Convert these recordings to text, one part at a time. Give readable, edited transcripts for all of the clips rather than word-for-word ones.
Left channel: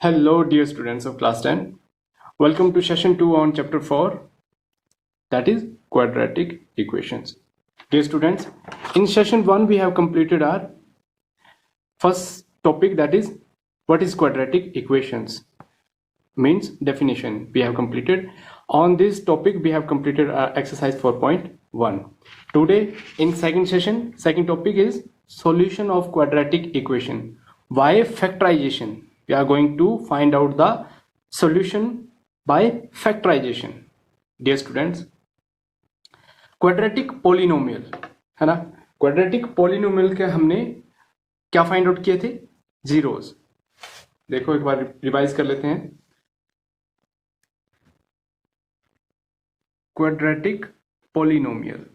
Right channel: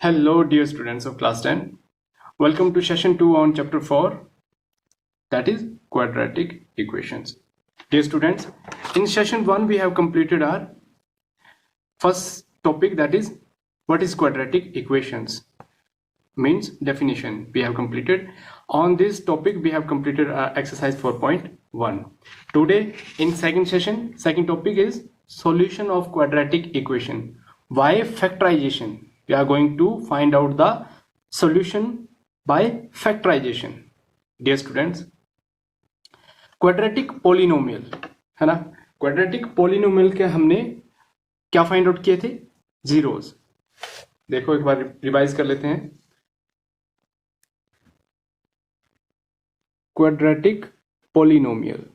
Hello, dear students of class 10. Welcome to session 2 on chapter 4, that is quadratic equations. Dear students, in session 1 we have completed our first topic, that is what is quadratic equations, means definition. We have completed. On this topic we have completed exercise 4.1. Today in second topic is solution of quadratic equation. By factorization, we are going to find out the solution by factorization. Dear students, quadratic polynomial है ना, quadratic polynomial के हमने क्या find out किए थे? Zeros. देखो एक बार revise कर लेते हैं. क्वाड्रेटिक पोलिनोमियल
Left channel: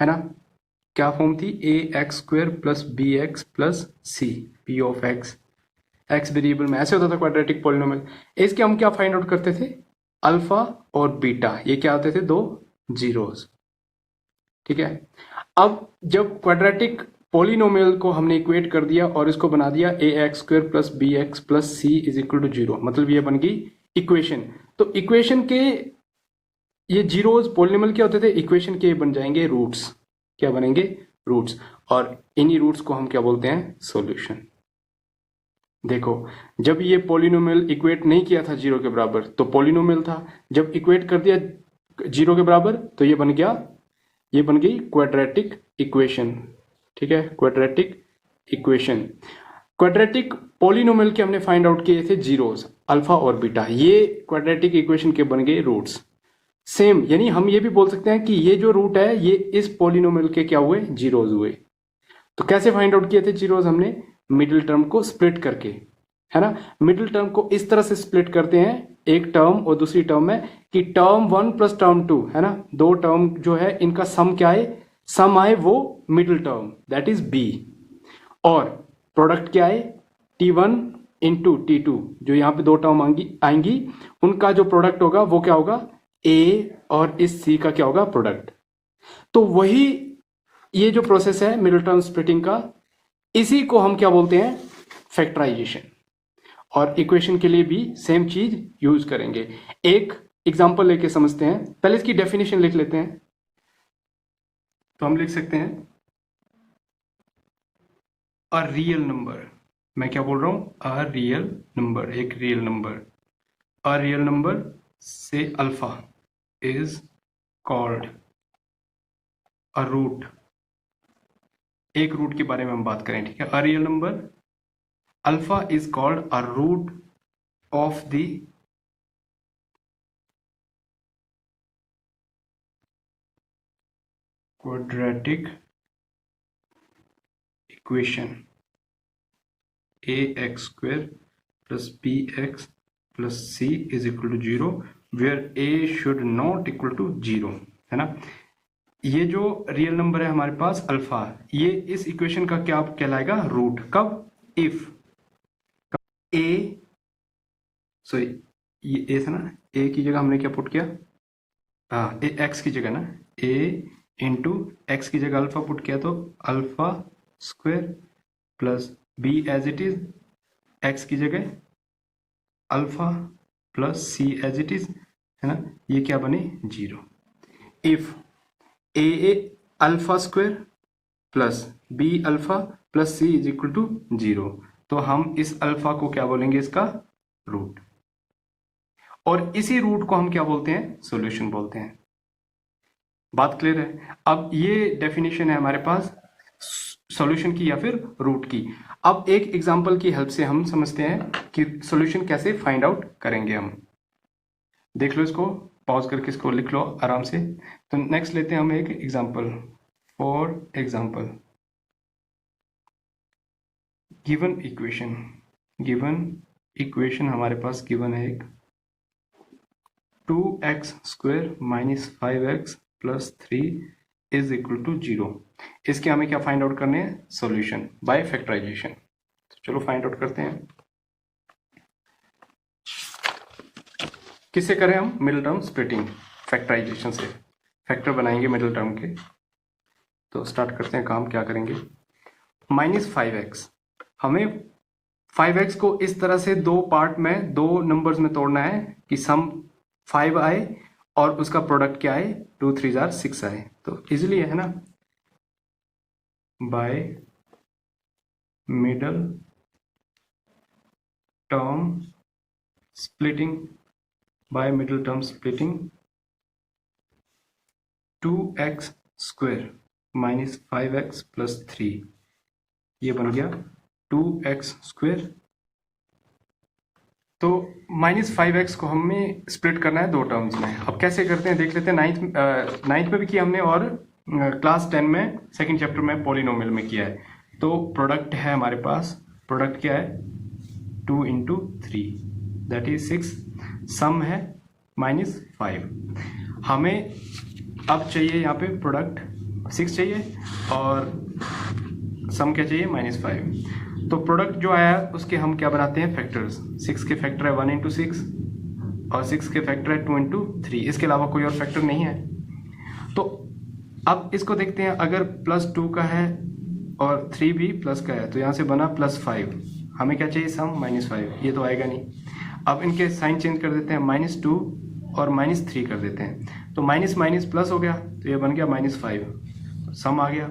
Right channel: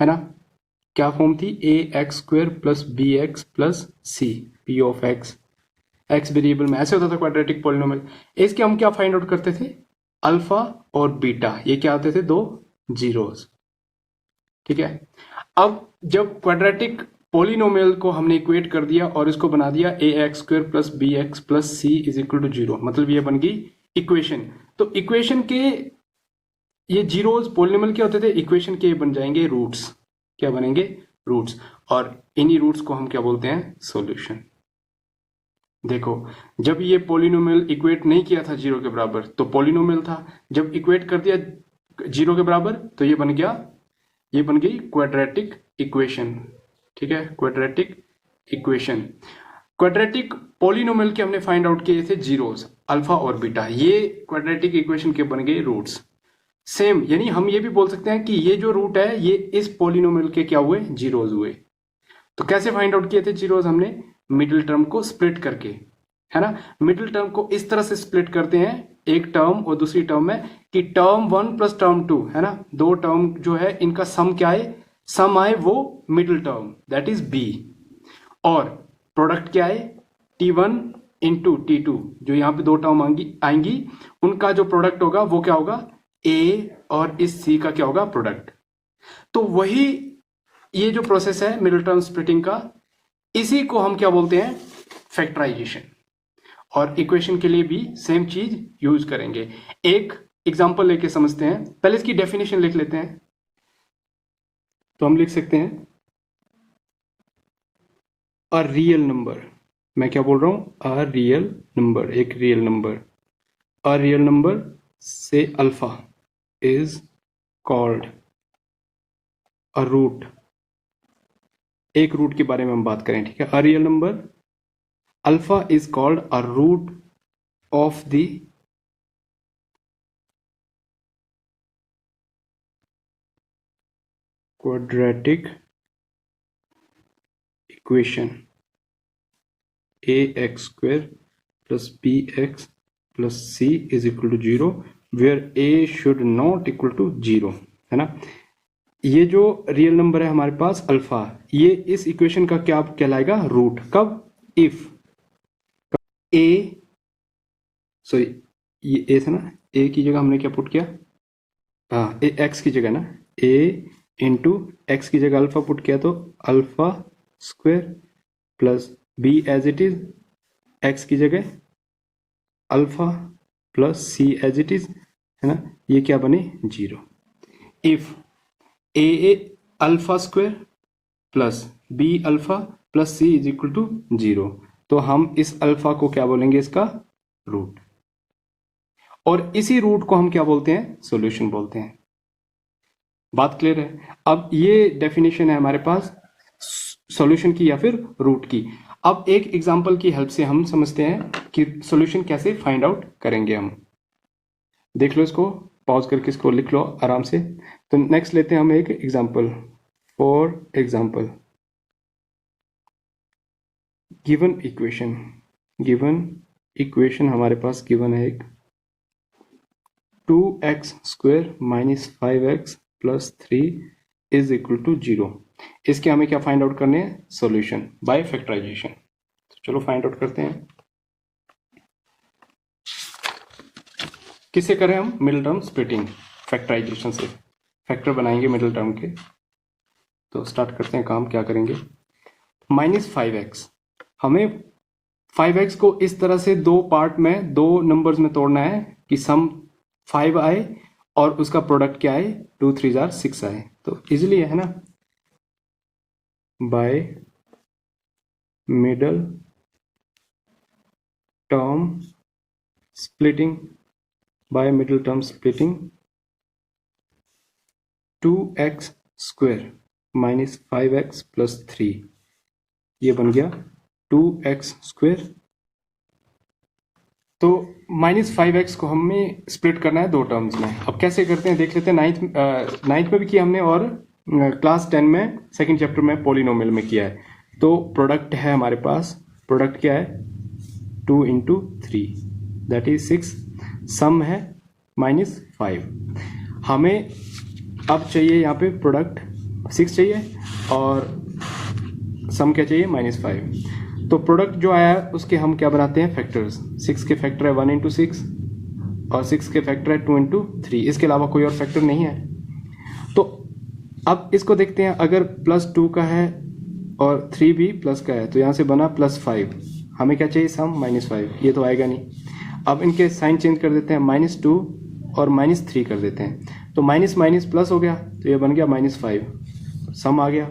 है ना, क्या फॉर्म थी? A x square plus b x plus c p of x. X variable में ऐसे होता था क्वाड्रेटिक पोलिनोमियल. इसके हम क्या फाइंड आउट करते थे? अल्फा और बीटा, ये क्या होते थे? दो जीरोस. ठीक है. अब जब क्वाड्रेटिक पोलिनोमियल को हमने इक्वेट कर दिया और इसको बना दिया a x square plus b x plus C is equal to zero, मतलब ये बन गई इक्वेशन. तो इक्वेशन के ये जीरोस पोलिनोमियल क्या होते थे? इक्वेशन के बन जाएंगे रूट्स. क्या बनेंगे? रूट्स. और इन्हीं रूट्स को हम क्या बोलते हैं? सॉल्यूशन. देखो, जब ये पोलिनोमियल इक्वेट नहीं किया था जीरो के बराबर तो पोलिनोमियल था. जब इक्वेट कर दिया जीरो के बराबर तो ये बन गया, ये बन गई क्वाड्रेटिक इक्वेशन. ठीक है, क्वाड्रेटिक इक्वेशन. क्वाड्रेटिक पोलिनोमियल के हमने फाइंड आउट किए थे जीरोस, अल्फा और बीटा. ये क्वाड्रेटिक इक्वेशन के बन गए रूट्स. सेम, यानी हम ये भी बोल सकते हैं कि ये जो रूट है ये इस पोलिनोमियल के क्या हुए? जीरोस हुए. तो कैसे फाइंड आउट किए थे जीरोस? हमने मिडिल टर्म को स्प्लिट करके, है ना. मिडिल टर्म को इस तरह से स्प्लिट करते हैं, एक टर्म और दूसरी टर्म में, कि टर्म 1 प्लस टर्म 2 है ना, दो टर्म जो है इनका सम क्या आए? सम आए वो middle term, that is B. और प्रोडक्ट क्या आए? T1 इंटू T2, जो यहाँ पे दो टर्म आएंगी उनका जो प्रोडक्ट होगा वो क्या होगा? A और इस C का क्या होगा? प्रोडक्ट. तो वही ये जो प्रोसेस है मिडिल टर्म स्प्लिटिंग का, इसी को हम क्या बोलते हैं? फैक्टराइजेशन. और इक्वेशन के लिए भी सेम चीज यूज करेंगे. एक एग्जांपल लेके समझते हैं. पहले इसकी डेफिनेशन लिख लेते हैं. तो हम लिख सकते हैं अ रियल नंबर. मैं क्या बोल रहा हूं? अ रियल नंबर, एक real number. A real number से alpha is called a root. एक रूट के बारे में हम बात करें. ठीक है, a real number alpha is called a root of the quadratic equation ax square plus bx plus c is equal to 0 where a should not equal to 0, है ना. ये जो रियल नंबर है हमारे पास अल्फा, ये इस इक्वेशन का क्या कहलाएगा? रूट. कब? इफ ए, सॉरी ये ए था ना, ए की जगह हमने क्या पुट किया? हाँ, एक्स की जगह ना, ए इंटू एक्स की जगह अल्फा पुट किया, तो alpha square plus B as it is, X की जगह alpha plus C as it is, है ना. ये क्या बने? Zero. If A alpha square plus B alpha plus C is equal to zero, तो हम इस अल्फा को क्या बोलेंगे? इसका रूट. और इसी रूट को हम क्या बोलते हैं? सॉल्यूशन बोलते हैं. बात क्लियर है? अब ये डेफिनेशन है हमारे पास सॉल्यूशन की या फिर रूट की. अब एक एग्जांपल की हेल्प से हम समझते हैं कि सॉल्यूशन कैसे फाइंड आउट करेंगे हम. देख लो इसको, पॉज करके इसको लिख लो आराम से. तो नेक्स्ट लेते हैं हम एक example. For example, given equation हमारे पास गिवन है एक 2x square minus 5x plus 3 is equal to 0. इसके हमें क्या फाइंड आउट करने हैं? Solution by factorization. चलो फाइंड आउट करते हैं. किससे करें हम? मिडिल टर्म स्प्लिटिंग, फैक्टराइजेशन से. फैक्टर बनाएंगे मिडिल टर्म के. तो स्टार्ट करते हैं काम. क्या करेंगे? -5x, हमें 5x को इस तरह से दो पार्ट में, दो नंबर्स में तोड़ना है कि सम 5 आए और उसका प्रोडक्ट क्या आए, 2 3 जार 6 आए। तो इजिली है ना, by middle term splitting, by middle term splitting 2x square minus 5x plus 3, ये बन गया 2x स्क्वायर। तो -5x को हमें स्प्लिट करना है दो टर्म्स में। अब कैसे करते हैं देख लेते हैं। नाइन्थ में भी किया हमने और क्लास 10 में सेकंड चैप्टर में पॉलिनोमियल में किया है। तो प्रोडक्ट है हमारे पास, प्रोडक्ट क्या है 2 इंटू 3 दैट इज 6, सम है -5। हमें अब चाहिए यहाँ पे प्रोडक्ट 6 चाहिए और सम क्या चाहिए -5। तो प्रोडक्ट जो आया है उसके हम क्या बनाते हैं फैक्टर्स। 6 के फैक्टर है 1 इंटू 6 और 6 के फैक्टर है 2 इंटू 3, इसके अलावा कोई और फैक्टर नहीं है। तो अब इसको देखते हैं, अगर +2 का है और 3 भी प्लस का है तो यहाँ से बना +5, हमें क्या चाहिए सम -5, ये तो आएगा नहीं। अब इनके साइन चेंज कर देते हैं, -2 और -3 कर देते हैं, तो माइनस माइनस प्लस हो गया तो ये बन गया -5, सम आ गया।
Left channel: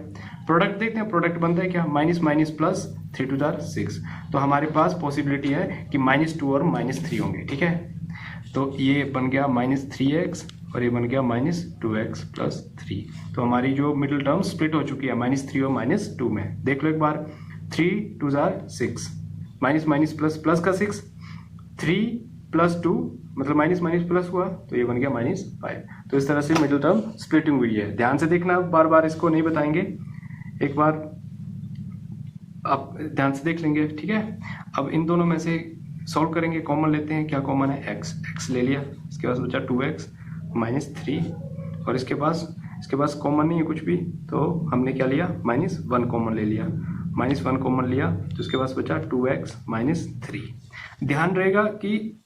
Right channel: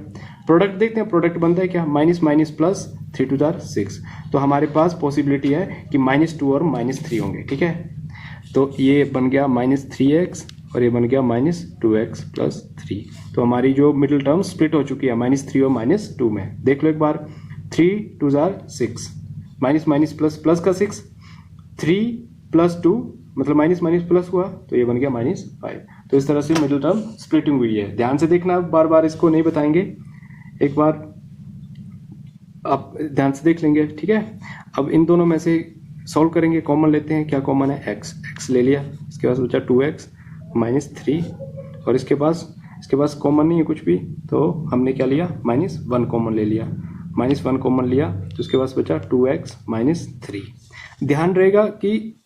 प्रोडक्ट देखते हैं, प्रोडक्ट बनता है क्या, माइनस माइनस प्लस 3 2 जार 6, तो हमारे पास पॉसिबिलिटी है कि -2 और -3 होंगे, ठीक है। तो ये बन गया -3x और ये बन गया -2x प्लस 3। तो हमारी जो मिडिल टर्म स्प्लिट हो चुकी है -3 और -2 में। देख लो एक बार, 3 2 jar 6, minus minus plus plus का 6, 3 प्लस 2 मतलब माइनस माइनस प्लस हुआ तो ये बन गया -5। तो इस तरह से मिडिल टर्म स्प्लिटिंग हुई है। ध्यान से देखना, बार बार इसको नहीं बताएंगे, एक बार आप ध्यान से देख लेंगे, ठीक है। अब इन दोनों में से सॉल्व करेंगे, कॉमन लेते हैं, क्या कॉमन है x ले लिया, इसके पास बचा 2x -3 और इसके पास कॉमन नहीं है कुछ भी, तो हमने क्या लिया -1 कॉमन ले लिया, -1 कॉमन लिया तो इसके पास बचा 2x -3। ध्यान रहेगा कि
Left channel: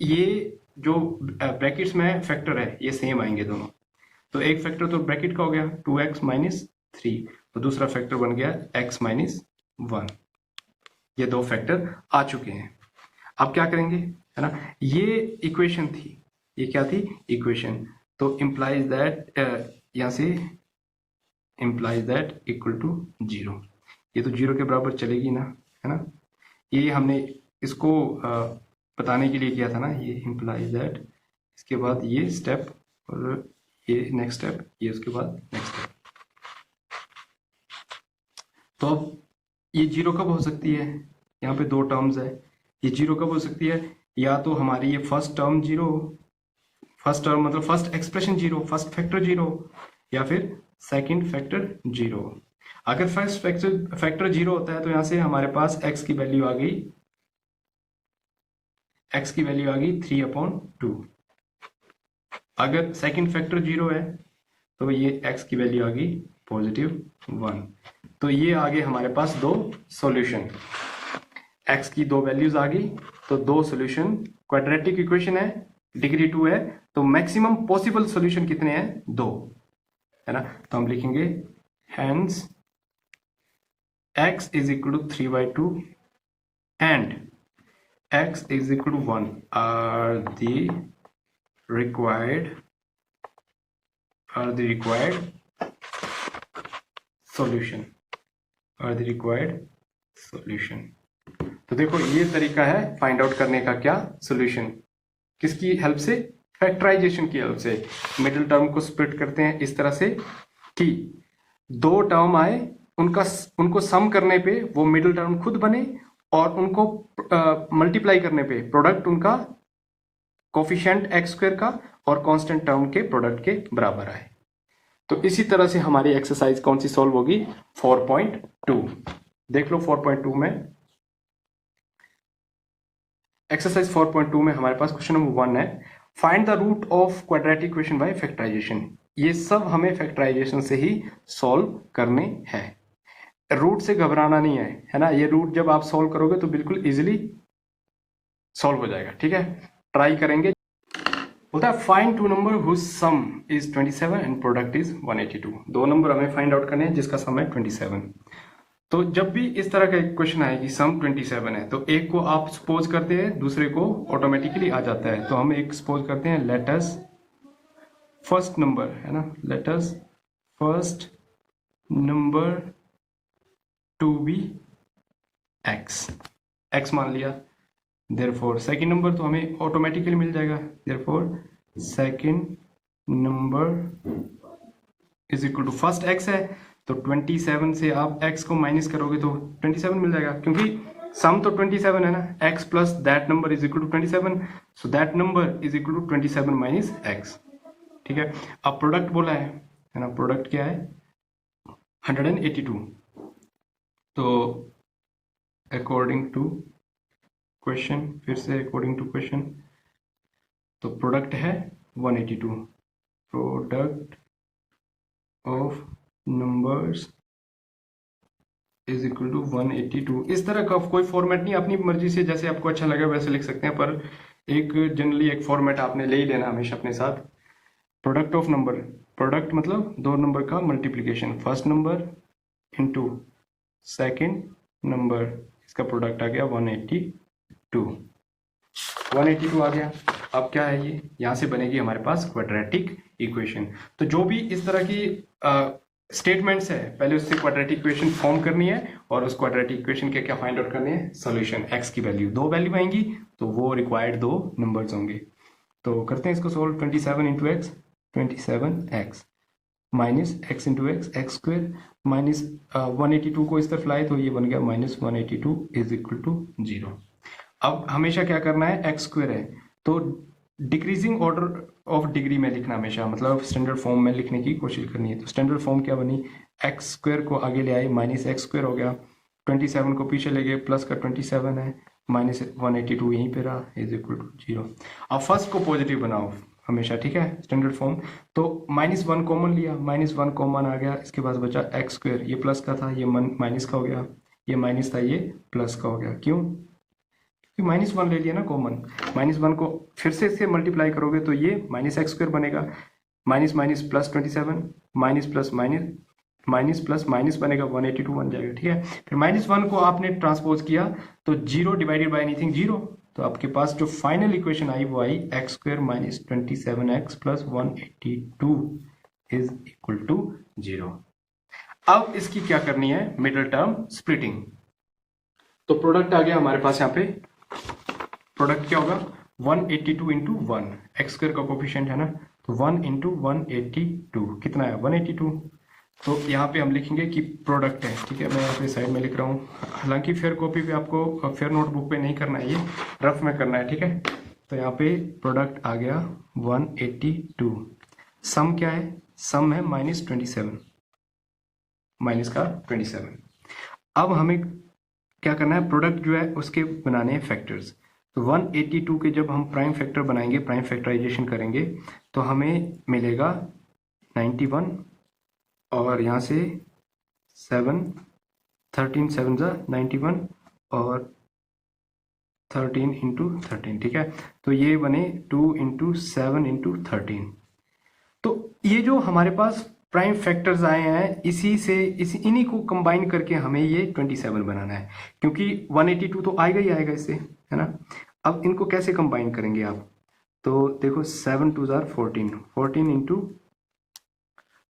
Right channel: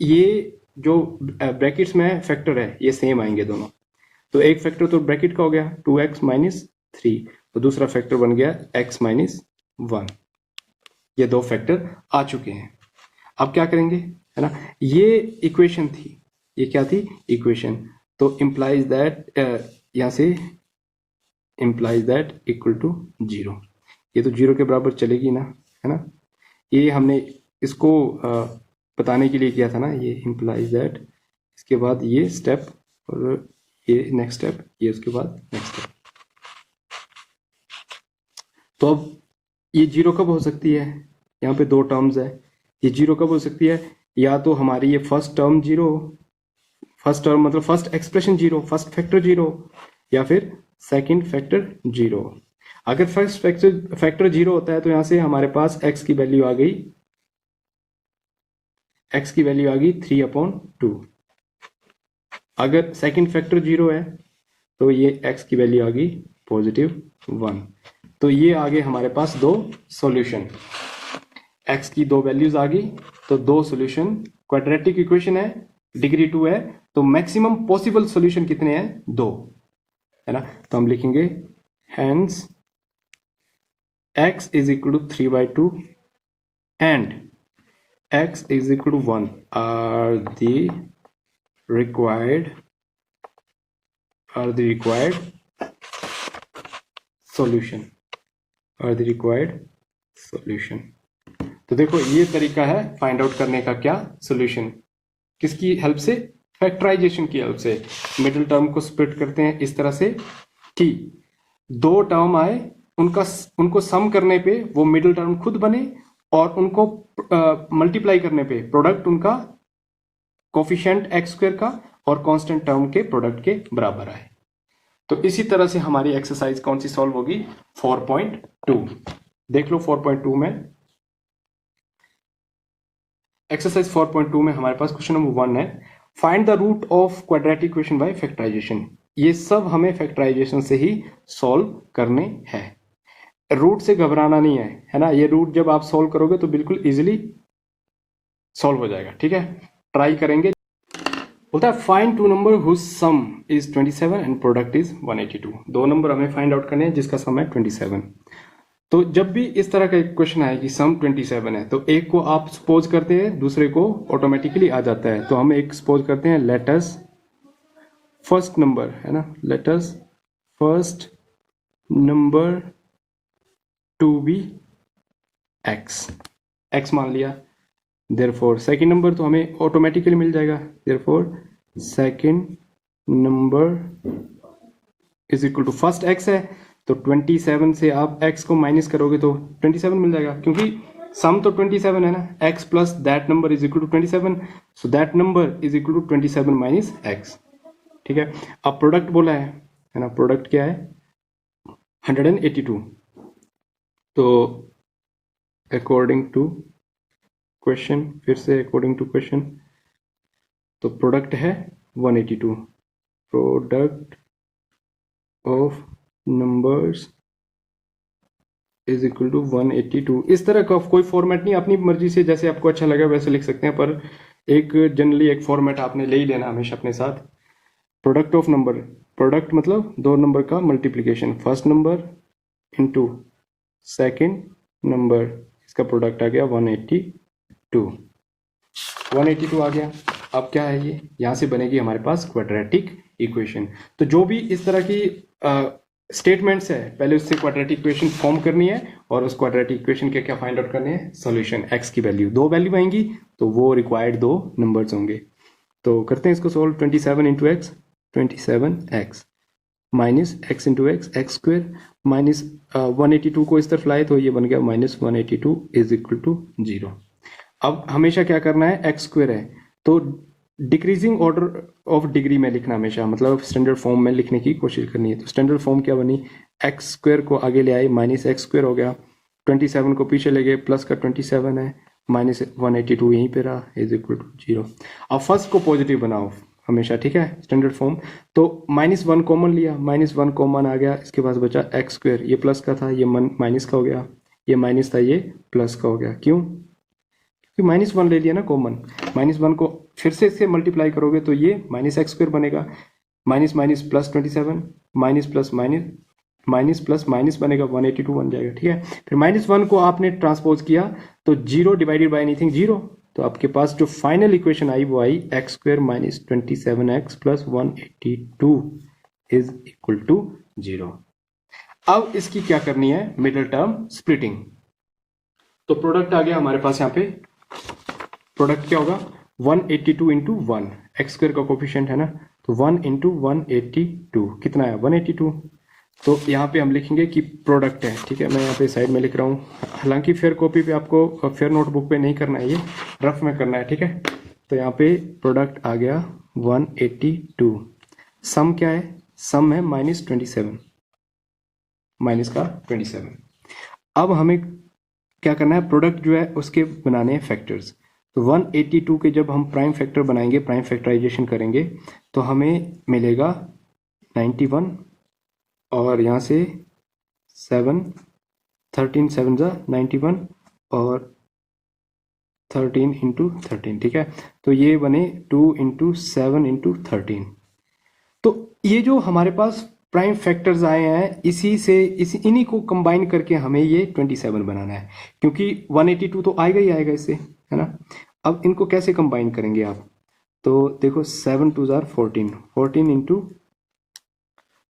ये जो ब्रैकेट्स में फैक्टर है ये सेम आएंगे दोनों, तो एक फैक्टर तो ब्रैकेट का हो गया 2x -3 तो दूसरा फैक्टर बन गया x -1, ये दो फैक्टर आ चुके हैं। अब क्या करेंगे, है ना, ये इक्वेशन थी, ये क्या थी इक्वेशन, तो इम्प्लाइज दैट, यहां से इम्प्लाइज दैट इक्वल टू 0, ये तो 0 के बराबर चलेगी ना, है ना। ये हमने इसको बताने के लिए किया था ना, ये इम्प्लाइज दैट, इसके बाद ये स्टेप और ये नेक्स्ट स्टेप, ये उसके बाद नेक्स्ट स्टेप। तो अब ये 0 कब हो सकती है, यहाँ पे दो टर्म्स है, ये 0 कब हो सकती है, या तो हमारी ये फर्स्ट टर्म 0, फर्स्ट टर्म मतलब फर्स्ट एक्सप्रेशन 0, फर्स्ट फैक्टर 0, या फिर सेकंड फैक्टर 0। अगर फर्स्ट फैक्टर 0 होता है तो यहाँ से हमारे पास x की वैल्यू आ गई, x की वैल्यू आ गई 3/2। अगर सेकंड फैक्टर 0 है तो ये x की वैल्यू आ गई +1। तो ये आ गए हमारे पास दो सॉल्यूशन, x की दो वैल्यूज आ गई, तो दो सॉल्यूशन। क्वाड्रेटिक इक्वेशन है, डिग्री 2 है, तो मैक्सिमम पॉसिबल सॉल्यूशन कितने हैं, 2, है ना। तो हम लिखेंगे hence x is equal to 3/2 and x is equal to 1 are the required solution, तो देखो ये तरीका है फाइंड आउट करने का, क्या सॉल्यूशन, किसकी हेल्प से, फैक्टराइजेशन की हेल्प से। मिडिल टर्म को स्प्लिट करते हैं इस तरह से कि दो टर्म आए, उनको सम करने पे वो मिडिल टर्म खुद बने और उनको मल्टीप्लाई करने पे प्रोडक्ट उनका कोफिशिएंट x² का और कांस्टेंट टर्म के प्रोडक्ट के बराबर आए। तो इसी तरह से हमारी एक्सरसाइज कौन सी सॉल्व होगी, 4.2। देख लो 4.2 में, एक्सरसाइज 4.2 में हमारे पास क्वेश्चन नंबर 1 है, find the root of quadratic equation by factorization. ये सब हमें फैक्टराइजेशन से ही सॉल्व करने हैं, रूट से घबराना नहीं है ना। ये रूट जब आप सॉल्व करोगे तो बिल्कुल इजीली सॉल्व हो जाएगा, ठीक है, ट्राई करेंगे। बोलता है find two number whose sum is 27 and product is 182। दो नंबर हमें फाइंड आउट करने हैं जिसका सम है 27। तो जब भी इस तरह का एक क्वेश्चन आए कि सम 27 है, तो एक को आप सपोज करते हैं, दूसरे को ऑटोमेटिकली आ जाता है। तो हम एक सपोज करते हैं, लेट अस फर्स्ट नंबर, है ना, let us first number to be X, X मान लिया। देयरफॉर सेकंड नंबर तो हमें ऑटोमेटिकली मिल जाएगा, therefore second number is equal to first X है, तो 27 से आप x को माइनस करोगे तो 27 मिल जाएगा, क्योंकि सम तो 27 है ना, x plus that number is equal to 27, so that number is equal to 27 minus x। ठीक है, अब प्रोडक्ट बोला है ना, प्रोडक्ट क्या है 182। तो अकॉर्डिंग टू क्वेश्चन, फिर से अकॉर्डिंग टू क्वेश्चन, तो प्रोडक्ट है 182, product of numbers is equal to 182। इस तरह का कोई फॉर्मेट नहीं, अपनी मर्जी से जैसे आपको अच्छा लगे वैसे लिख सकते हैं, पर एक जनरली एक फॉर्मेट आपने ले ही लेना हमेशा अपने साथ। प्रोडक्ट ऑफ नंबर, प्रोडक्ट मतलब दो नंबर का multiplication, first number into second number, इसका प्रोडक्ट आ गया 182, 182 आ गया। अब क्या है ये, यहां से बनेगी हमारे पास क्वाड्रेटिक इक्वेशन। तो जो भी इस तरह की स्टेटमेंट्स है, पहले उससे क्वाड्रेटिक इक्वेशन फॉर्म करनी है, और उस क्वाड्रेटिक इक्वेशन के क्या फाइंड आउट करने हैं, सॉल्यूशन। एक्स की वैल्यू, दो वैल्यू आएंगी तो वो रिक्वायर्ड दो नंबर्स होंगे। तो करते हैं इसको solve. 27 into x, 27x minus x into x, x square minus 182 को इस तरफ लाए तो ये बन गया माइनस 182 इज इक्वल टू 0। अब हमेशा क्या करना है, एक्स स्क्वेयर है तो डिक्रीजिंग ऑर्डर ऑफ डिग्री में लिखना हमेशा, मतलब स्टैंडर्ड फॉर्म में लिखने की कोशिश करनी है। तो स्टैंडर्ड फॉर्म क्या बनी, एक्स स्क्वेयर को आगे ले आए, माइनस एक्स स्क्वेयर हो गया, 27 को पीछे ले गए, प्लस का 27 है, माइनस 182 यहीं पे रहा, इज इक्वल टू 0। अब फर्स्ट को पॉजिटिव बनाओ हमेशा, ठीक है, स्टैंडर्ड फॉर्म। तो -1 कॉमन लिया, -1 कॉमन आ गया, इसके पास बचा एक्स स्क्वेयर, ये प्लस का था, ये माइनस का हो गया, ये माइनस था, ये प्लस का हो गया। क्यों, -1 ले लिया ना कॉमन, -1 को फिर से इससे मल्टीप्लाई करोगे तो ये माइनस एक्स स्क्वेयर बनेगा, minus minus plus 27, minus plus minus, minus plus minus बनेगा 182 बन जाएगा। ठीक है, फिर -1 को आपने ट्रांसपोज किया तो 0 डिवाइडेड बाय एनीथिंग 0, तो आपके पास जो फाइनल इक्वेशन आई वो आई x square minus 27x plus 182 is equal to 0। अब इसकी क्या करनी है, मिडिल टर्म स्प्लिटिंग। तो प्रोडक्ट आ गया हमारे पास, यहाँ पे प्रोडक्ट क्या होगा 182 इंटू 1, एक्स स्क्वेयर का कोफिशिएंट है ना, तो 1 इंटू 182 कितना है 182। तो यहाँ पे हम लिखेंगे कि प्रोडक्ट है, ठीक है, मैं यहाँ पे साइड में लिख रहा हूँ, हालांकि फेयर कॉपी पे आपको, फेयर नोटबुक पे नहीं करना है, ये रफ में करना है, ठीक है। तो यहाँ पे प्रोडक्ट आ गया 182, सम क्या है, सम है -27, माइनस का 27। अब हमें क्या करना है, प्रोडक्ट जो है उसके बनाने हैं फैक्टर्स। तो 182 के जब हम प्राइम फैक्टर बनाएंगे, प्राइम फैक्टराइजेशन करेंगे, तो हमें मिलेगा 91, और यहाँ से 7, 13 7 जा 91, और 13 इंटू 13, ठीक है, तो ये बने 2 इंटू 7 इंटू 13। तो ये जो हमारे पास प्राइम फैक्टर्स आए हैं, इसी से इन्हीं को कंबाइन करके हमें ये 27 बनाना है, क्योंकि 182 तो आएगा ही आएगा इससे, है ना। अब इनको कैसे कंबाइन करेंगे आप, तो देखो 7 2 जार 14, 14 इंटू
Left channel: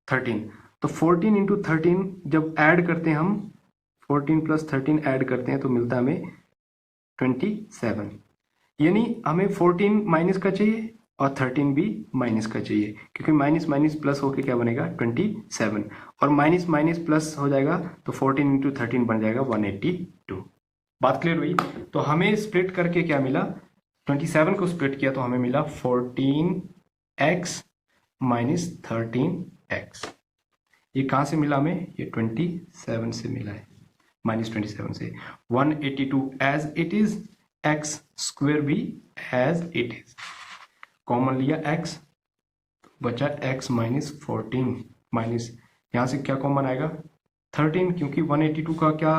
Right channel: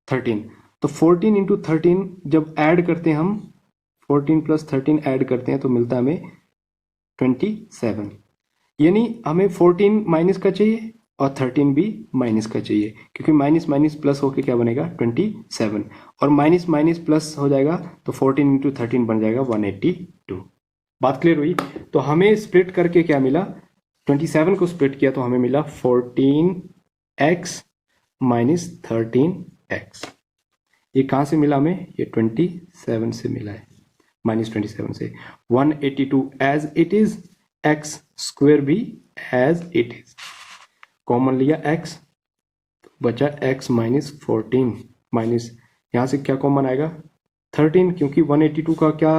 13, तो 14 इंटू 13 जब ऐड करते हैं हम, 14 प्लस 13 ऐड करते हैं तो मिलता है हमें 27, यानी हमें 14 माइनस का चाहिए और 13 भी माइनस का चाहिए, क्योंकि माइनस माइनस प्लस होके क्या बनेगा 27, और माइनस माइनस प्लस हो जाएगा तो 14 इंटू 13 बन जाएगा 182। बात क्लियर हुई। तो हमें स्प्लिट करके क्या मिला, 27 को स्प्लिट किया तो हमें मिला 14x माइनस 13x। ये कहाँ से मिला हमें, ये 27 से मिला है, -27 से। 182 as it is, X square भी एज इट इज, कॉमन लिया x, बचा x माइनस 14, माइनस यहाँ से क्या कॉमन आएगा 13, क्योंकि 182 का क्या,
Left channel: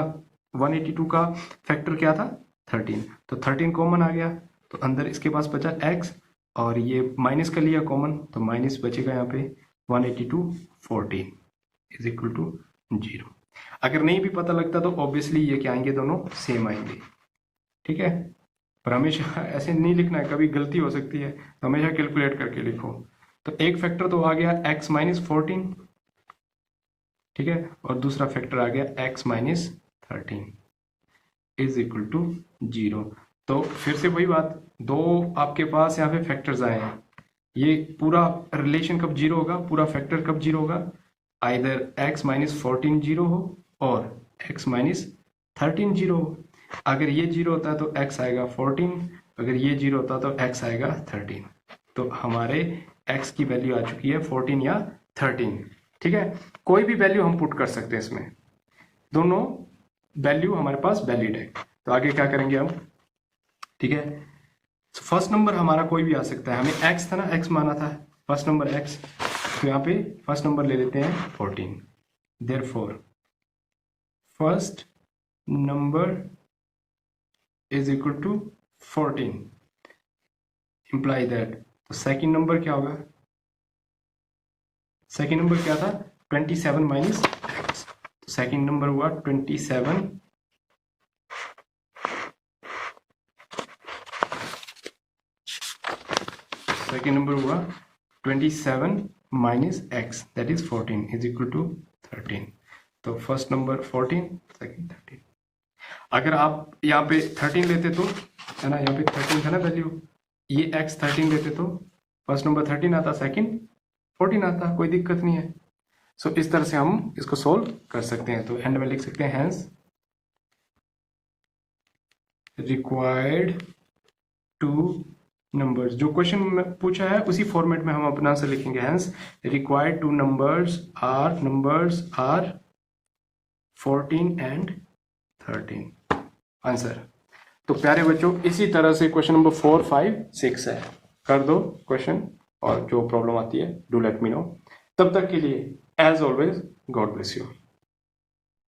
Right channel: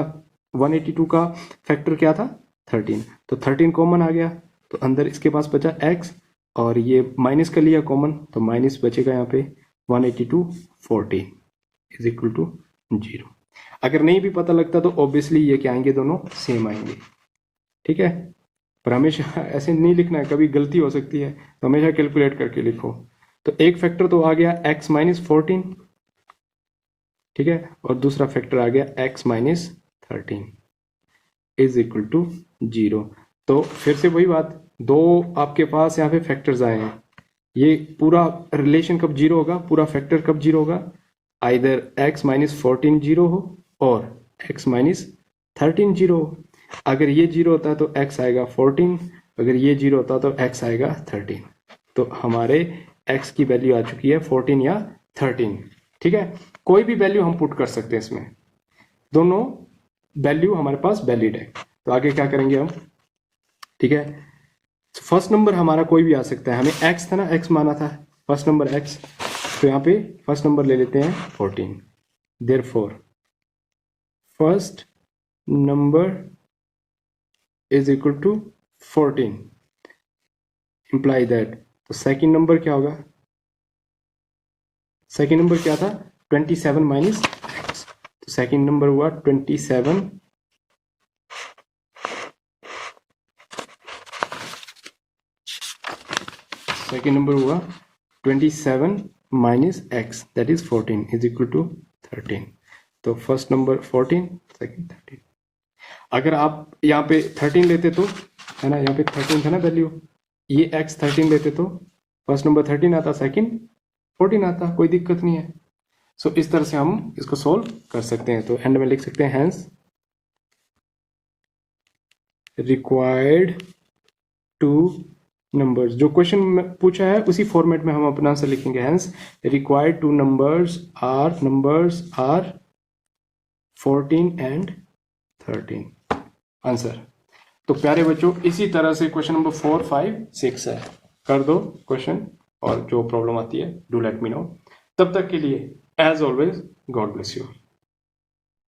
182 का फैक्टर क्या था 13, तो 13 कॉमन आ गया, तो अंदर इसके पास बचा x, और ये माइनस का लिया कॉमन, तो माइनस बचेगा यहाँ पे 182 14 इज इक्वल टू 0। अगर नहीं भी पता लगता तो ऑब्वियसली ये क्या आएंगे, दोनों सेम आएंगे, ठीक है। पर हमेशा ऐसे नहीं लिखना है, कभी गलती हो सकती है, तो हमेशा कैलकुलेट करके लिखो। तो एक फैक्टर तो आ गया x माइनस 14, ठीक है, और दूसरा फैक्टर आ गया x minus 13 is equal to 0। तो फिर से वही बात, दो आपके पास यहाँ पे फैक्टर्स आए हैं, ये पूरा रिलेशन कब जीरो होगा, पूरा फैक्टर कब जीरो होगा, आइदर x माइनस 14 जीरो हो और x माइनस 13 जीरो हो। अगर ये जीरो होता है तो x आएगा 14, अगर ये जीरो होता है तो x आएगा 13। तो हमारे x की वैल्यू आ चुकी है 14 या 13, ठीक है। कोई भी वैल्यू हम पुट कर सकते हैं इसमें, दोनों वैल्यू हमारे पास वैलिड है। तो आगे क्या करेंगे हम, ठीक है। फर्स्ट नंबर हमारा कोई भी आ सकता है, हमें x था ना, x माना था, फर्स्ट नंबर x, तो यहाँ पे फर्स्ट नंबर ले लेते हैं 14। Therefore first number is equal to 14, imply that, तो सेकेंड नंबर क्या होगा, सेकेंड नंबर क्या था 27 माइनस, तो सेकेंड नंबर हुआ 27 सेकेंड नंबर हुआ 27 minus x that is 14 is equal to 13। तो फर्स्ट नंबर 14, सेकेंड 13। अगर आप यहाँ पे 13 लेते तो, है ना, यहाँ पे 13 था ना वैल्यू, ये x 13 लेते तो फर्स्ट नंबर 13 आता, सेकेंड 14 आता, कोई दिक्कत नहीं है। सो इस तरह से हम इसको सोल्व कर सकते हैं। तो एंड में लिख सकते हैं हैंस रिक्वायर्ड टू नंबर्स, जो क्वेश्चन में पूछा है उसी फॉर्मेट में हम अपना आंसर लिखेंगे। Hence required two numbers are 14 and 13 answer. तो प्यारे बच्चों, इसी तरह से क्वेश्चन नंबर 4, 5, 6 है, कर दो क्वेश्चन, और जो प्रॉब्लम आती है डू लेट मी नो। तब तक के लिए as always God bless you.